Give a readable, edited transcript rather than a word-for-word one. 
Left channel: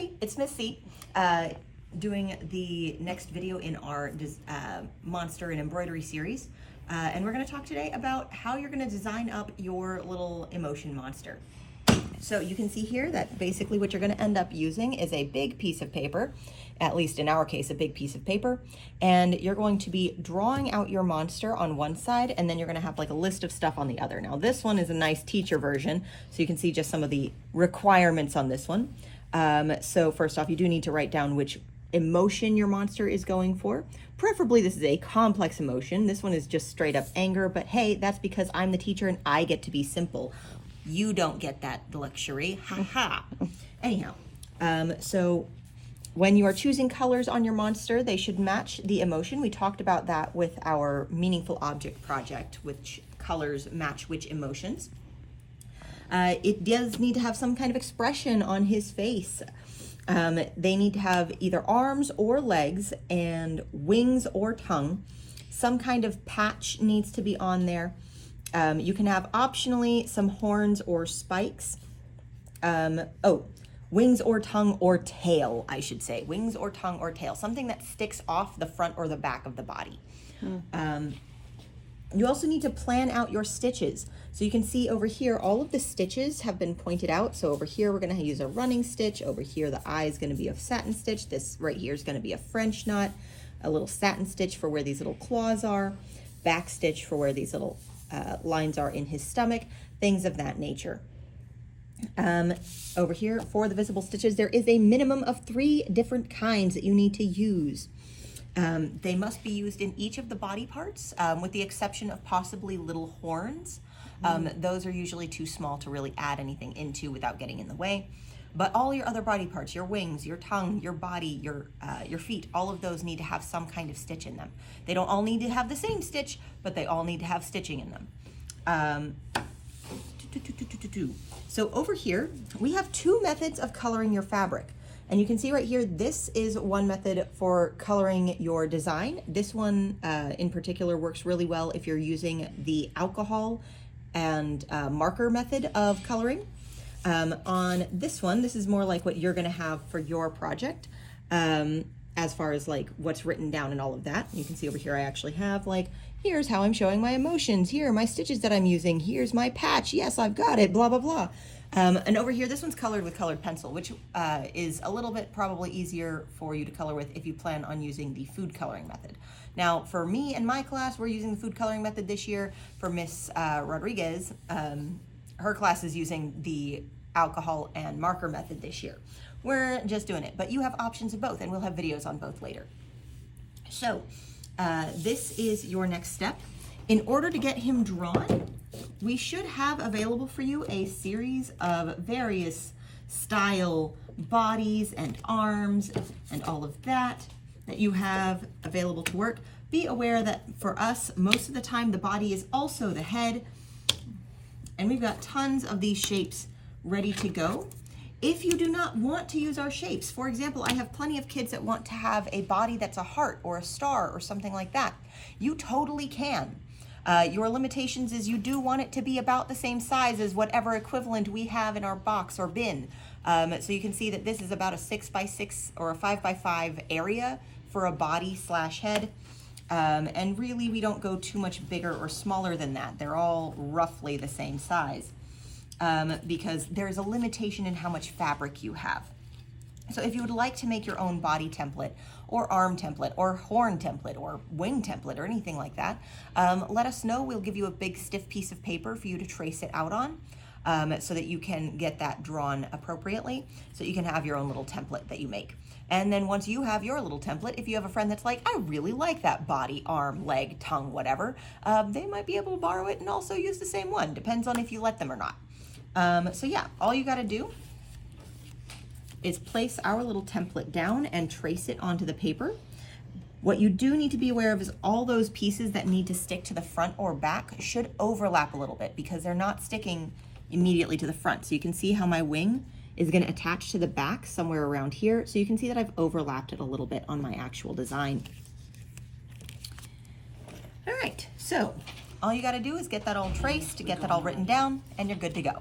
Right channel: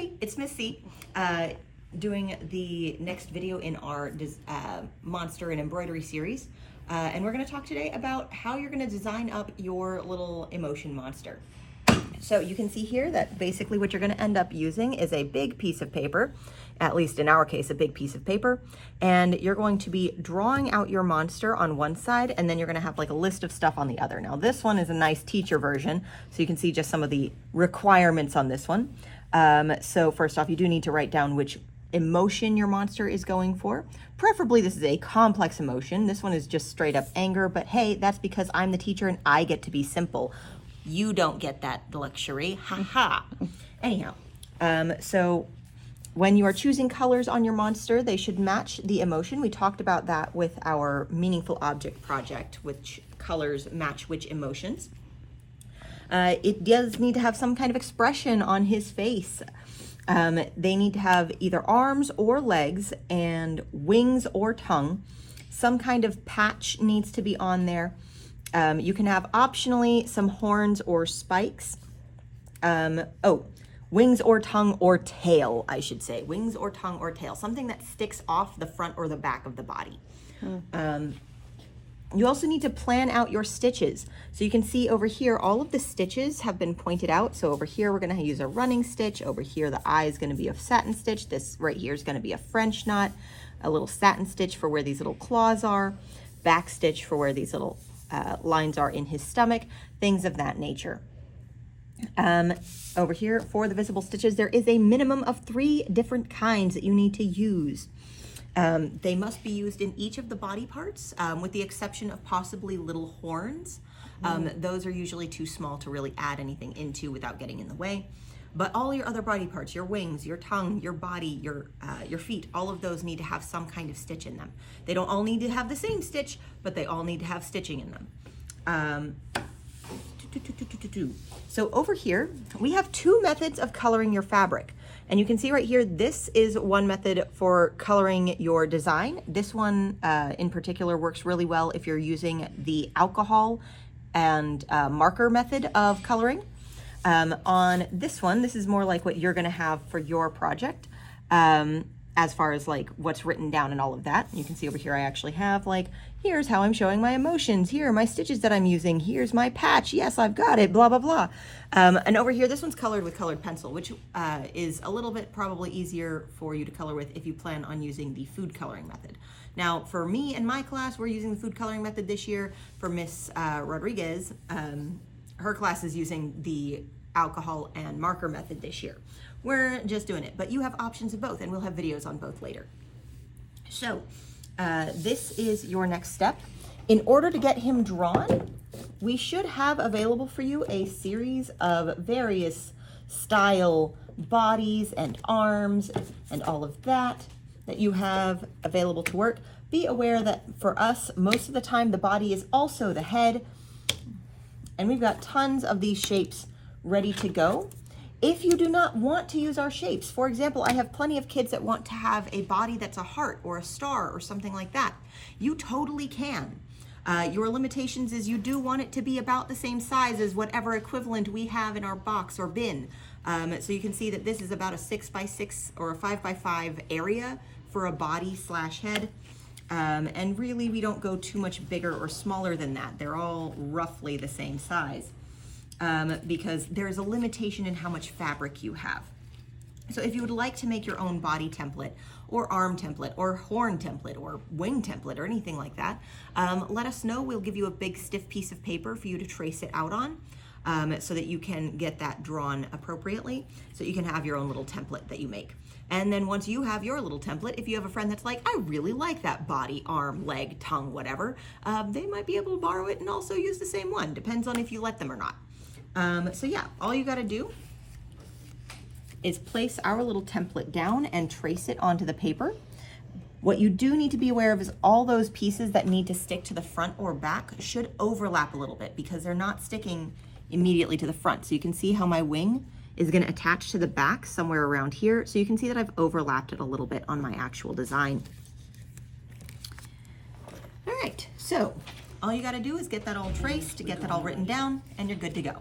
everybody, it's Miss C, doing the next video in our monster and embroidery series. And we're gonna talk today about how you're gonna design up your little emotion monster. So you can see here that basically what you're gonna end up using is a big piece of paper, at least in our case, a big piece of paper, and you're going to be drawing out your monster on one side, and then you're gonna have like a list of stuff on the other. Now this one is a nice teacher version, so you can see just some of the requirements on this one. So first off, you do need to write down which emotion your monster is going for. Preferably this is a complex emotion. This one is just straight up anger, but hey, that's because I'm the teacher and I get to be simple. You don't get that luxury, haha. Anyhow, so when you are choosing colors on your monster, they should match the emotion. We talked about that with our meaningful object project, which colors match which emotions. It does need to have some kind of expression on his face. They need to have either arms or legs and wings or tongue. Some kind of patch needs to be on there. You can have optionally some horns or spikes. Wings or tongue or tail, I should say. Wings or tongue or tail. Something that sticks off the front or the back of the body. You also need to plan out your stitches. So you can see over here, all of the stitches have been pointed out. So over here, we're gonna use a running stitch. Over here, the eye is gonna be a satin stitch. This right here is gonna be a French knot, a little satin stitch for where these little claws are, back stitch for where these little lines are in his stomach, things of that nature. Over here, for the visible stitches, there is a minimum of 3 different kinds that you need to use. They must be used in each of the body parts, with the exception of possibly little horns. Those are usually too small to really add anything into without getting in the way. But all your other body parts, your wings, your tongue, your body, your feet, all of those need to have some kind of stitch in them. They don't all need to have the same stitch, but they all need to have stitching in them. So over here, we have 2 methods of coloring your fabric. And you can see right here, this is one method for coloring your design. This one in particular works really well if you're using the alcohol and marker method of coloring. On this one, this is more like what you're gonna have for your project, as far as like what's written down and all of that. You can see over here, I actually have like, here's how I'm showing my emotions. Here are my stitches that I'm using. Here's my patch. Yes, I've got it, blah, blah, blah. And over here, this one's colored with colored pencil, which is a little bit probably easier for you to color with if you plan on using the food coloring method. Now, for me and my class, we're using the food coloring method this year. For Miss Rodriguez, her class is using the alcohol and marker method this year. We're just doing it, but you have options of both, and we'll have videos on both later. So this is your next step. In order to get him drawn, we should have available for you a series of various style bodies and arms and all of that you have available to work. Be aware that for us, most of the time, the body is also the head, and we've got tons of these shapes ready to go. If you do not want to use our shapes, for example, I have plenty of kids that want to have a body that's a heart or a star or something like that. You totally can. Your limitations is you do want it to be about the same size as whatever equivalent we have in our box or bin. So you can see that this is about a 6x6 or a 5x5 area for a body / head. And really we don't go too much bigger or smaller than that. They're all roughly the same size. Because there's a limitation in how much fabric you have. So if you would like to make your own body template or arm template or horn template or wing template or anything like that, let us know. We'll give you a big stiff piece of paper for you to trace it out on, so that you can get that drawn appropriately, so you can have your own little template that you make. And then once you have your little template, if you have a friend that's like, I really like that body, arm, leg, tongue, whatever, they might be able to borrow it and also use the same one. Depends on if you let them or not. So yeah, all you gotta do is place our little template down and trace it onto the paper. What you do need to be aware of is all those pieces that need to stick to the front or back should overlap a little bit because they're not sticking immediately to the front. So you can see how my wing is gonna attach to the back somewhere around here. So you can see that I've overlapped it a little bit on my actual design. All right, so all you gotta do is get that all traced, get that all written down, and you're good to go.